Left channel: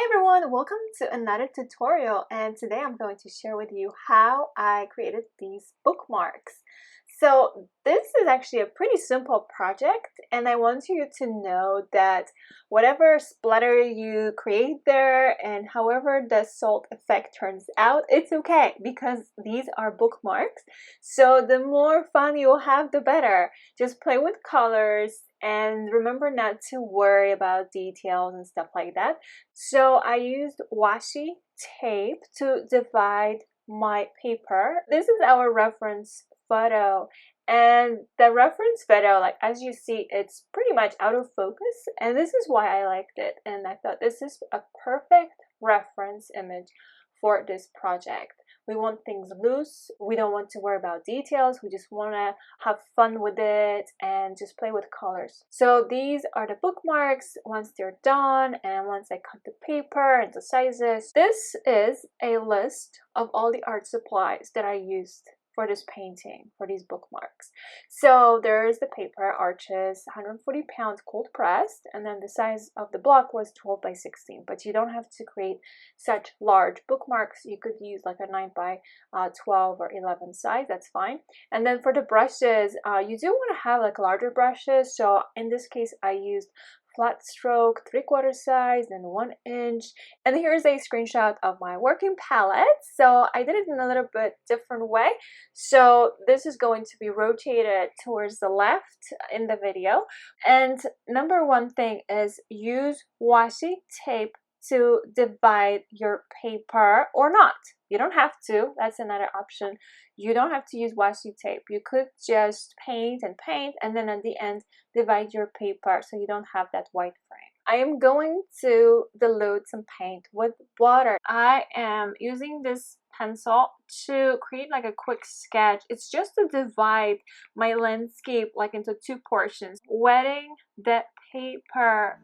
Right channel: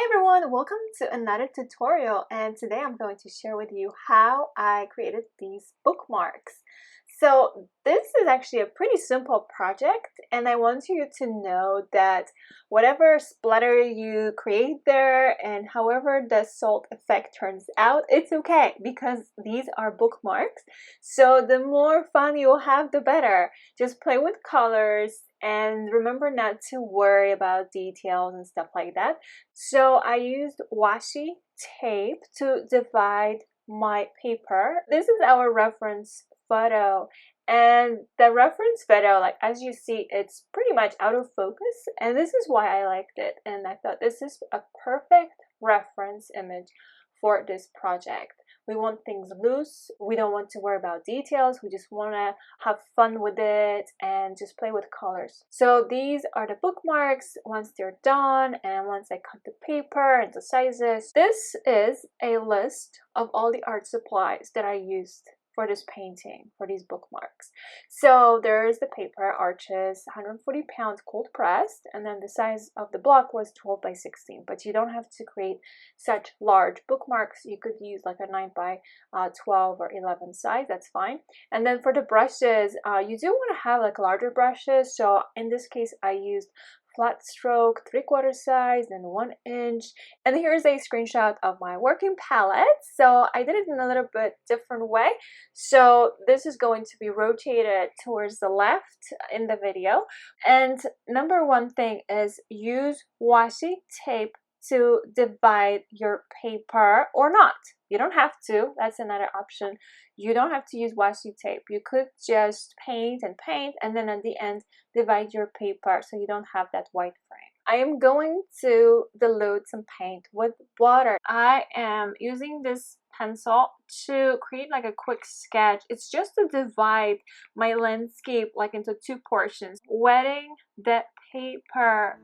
Hi everyone, welcome to another tutorial, and today I'm going to share with you how I created these bookmarks. So this is actually a pretty simple project, and I want you to know that whatever splatter you create there and however the salt effect turns out, it's okay because these are bookmarks. So the more fun you'll have, the better. Just play with colors and remember not to worry about details and stuff like that. So I used washi tape to divide my paper. This is our reference photo, and the reference photo, like as you see, it's pretty much out of focus, and this is why I liked it, and I thought this is a perfect reference image for this project. We want things loose, we don't want to worry about details, we just want to have fun with it and just play with colors. So these are the bookmarks once they're done, and once I cut the paper and the sizes. This is a list of all the art supplies that I used for this painting, for these bookmarks. So there's the paper, Arches, 140 pounds cold pressed, and then the size of the block was 12 by 16, but you don't have to create such large bookmarks. You could use like a 9 by 12 or 11 size, that's fine. And then for the brushes, you do want to have like larger brushes, so in this case I used flat stroke 3/4 size and 1 inch. And here's a screenshot of my working palette. So I did it in a little bit different way. So this is going to be rotated towards the left in the video. And number one thing is use washi tape to divide your paper, or not. You don't have to. That's another option. You don't have to use washi tape. You could just paint and then at the end divide your paper so you don't have that white frame. I am going to dilute some paint with water. I am using this pencil to create like a quick sketch. It's just to divide my landscape like into two portions. Wetting the paper.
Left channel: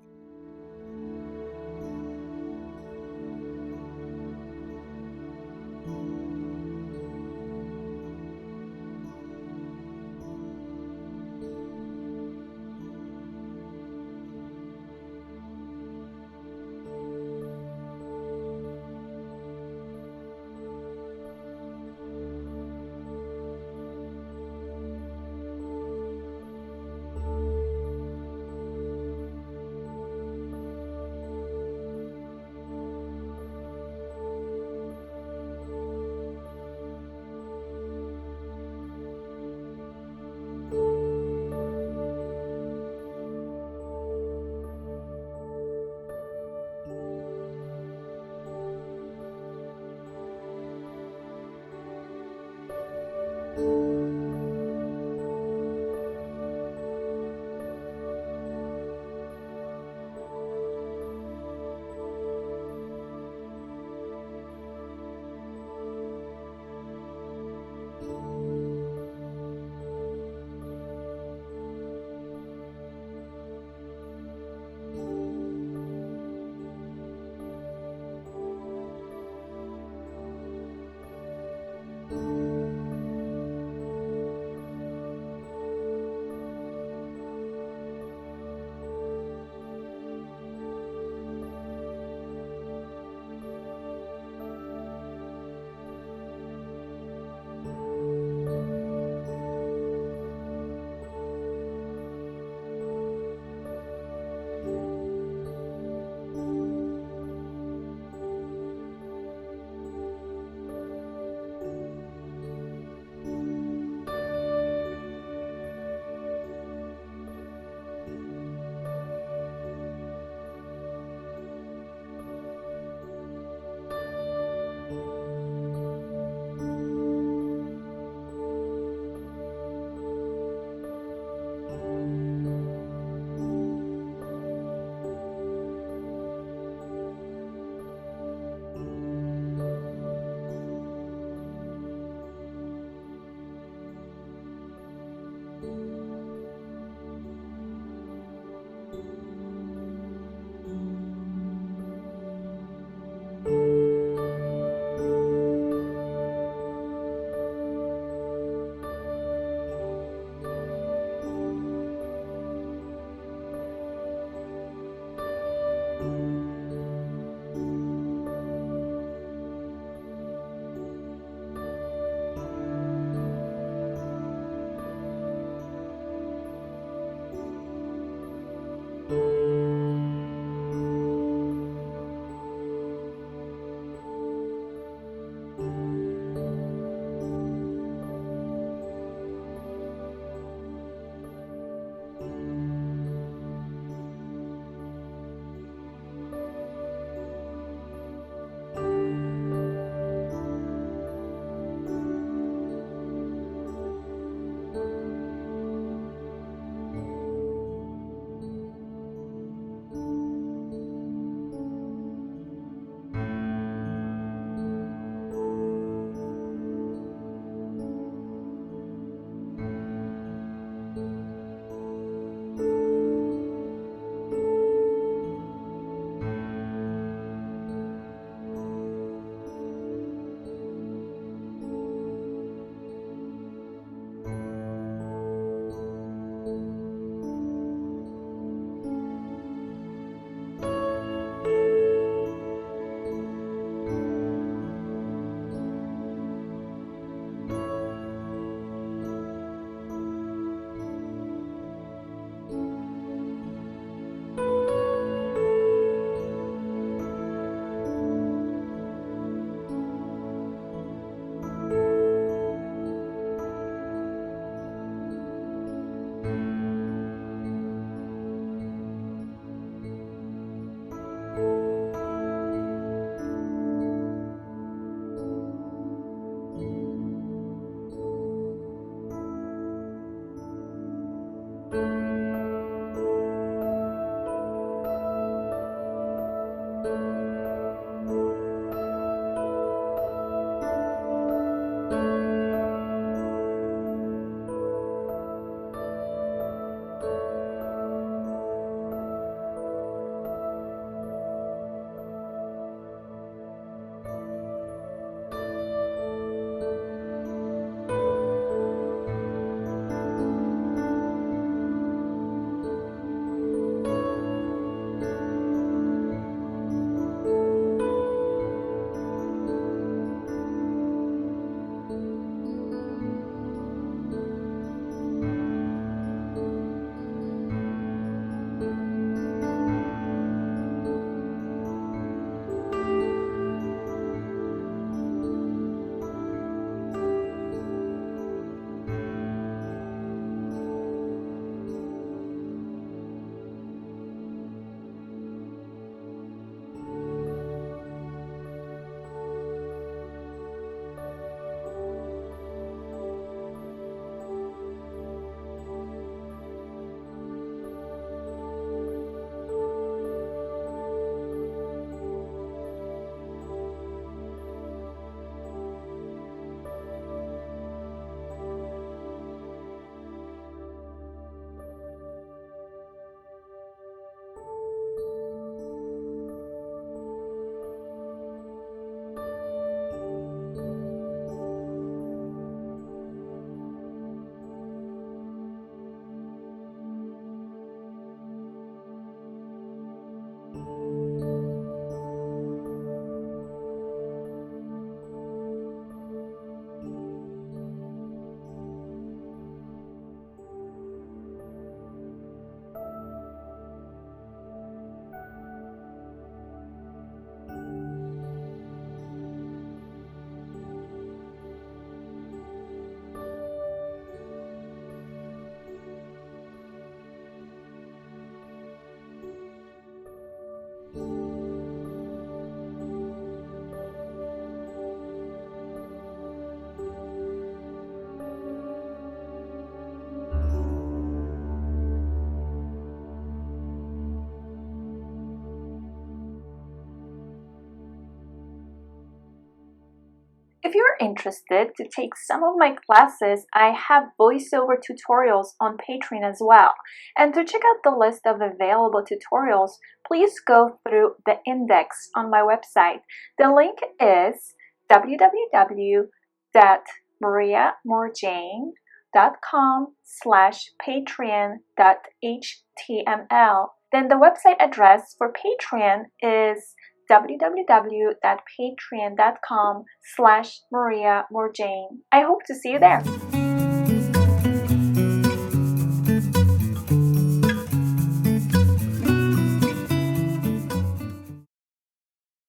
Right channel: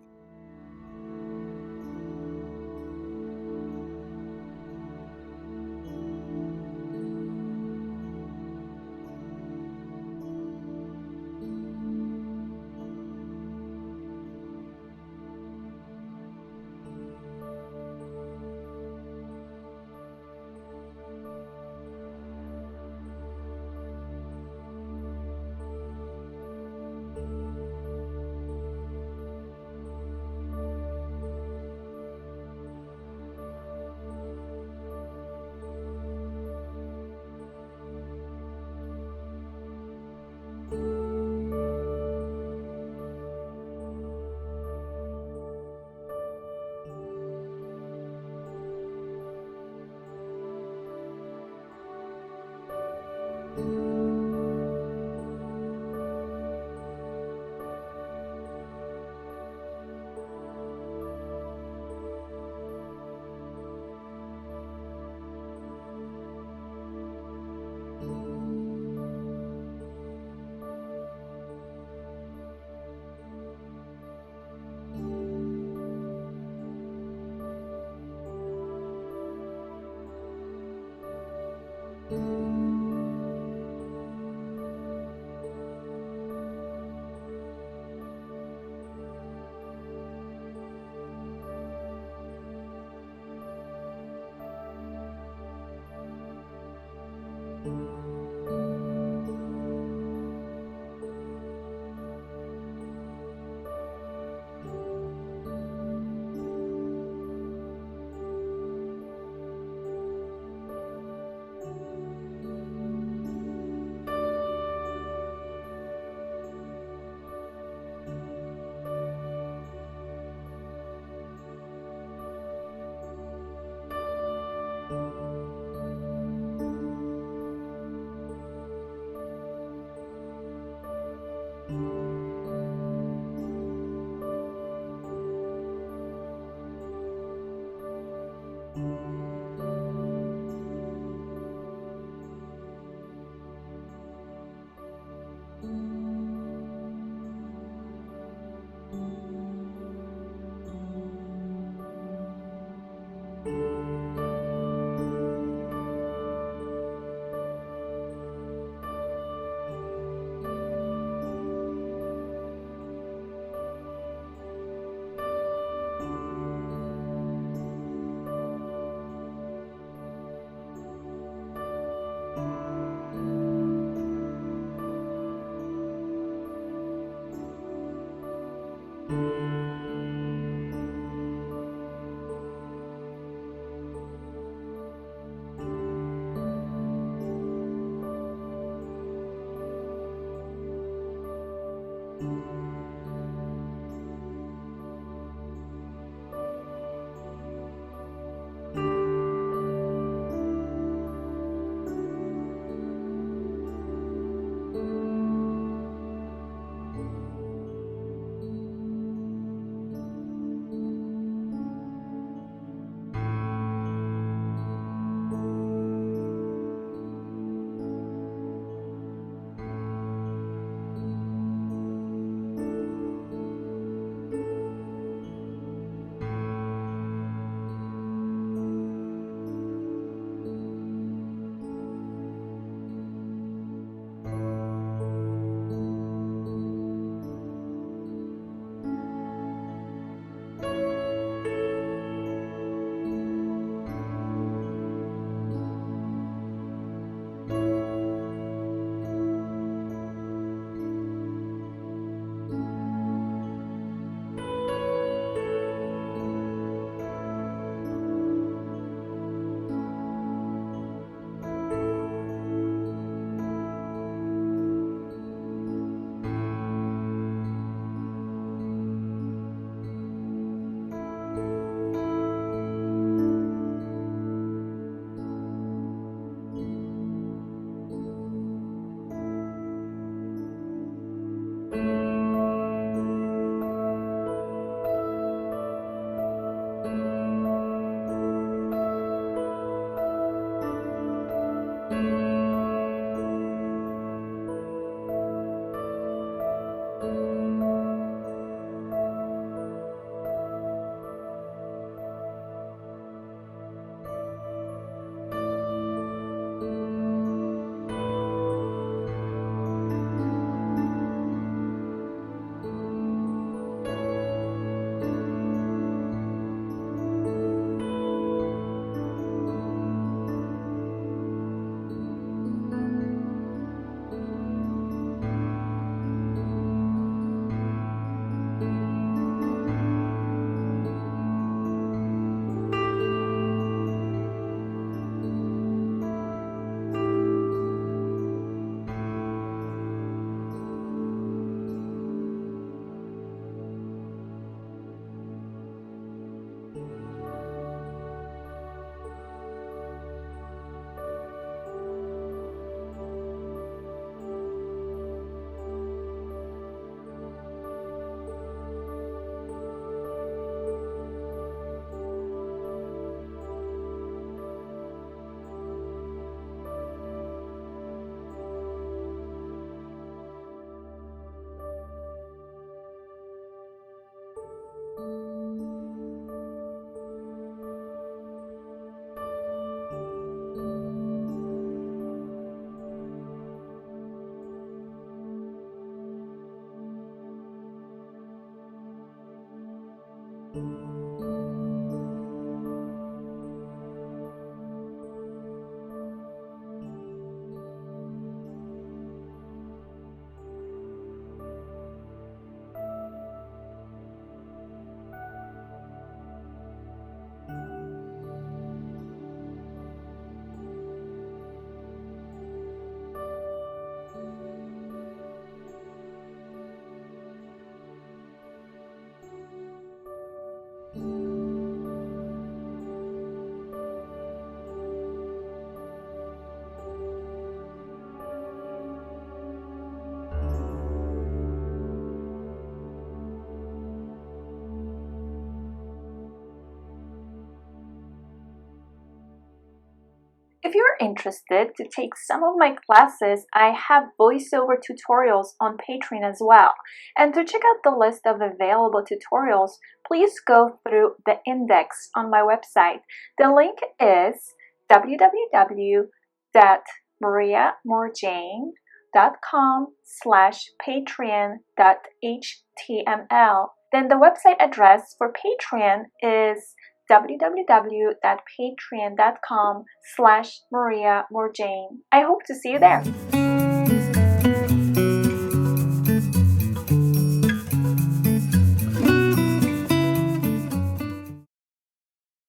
If you're interested to take some of my classes, I have voiceover tutorials on Patreon as well. And to check out the list of available tutorials, please go through the index on my website. The link is www.mariamorjane.com/patreon.html. Then the website address for Patreon is www.patreon.com/Maria Morjane. I hope to see you there.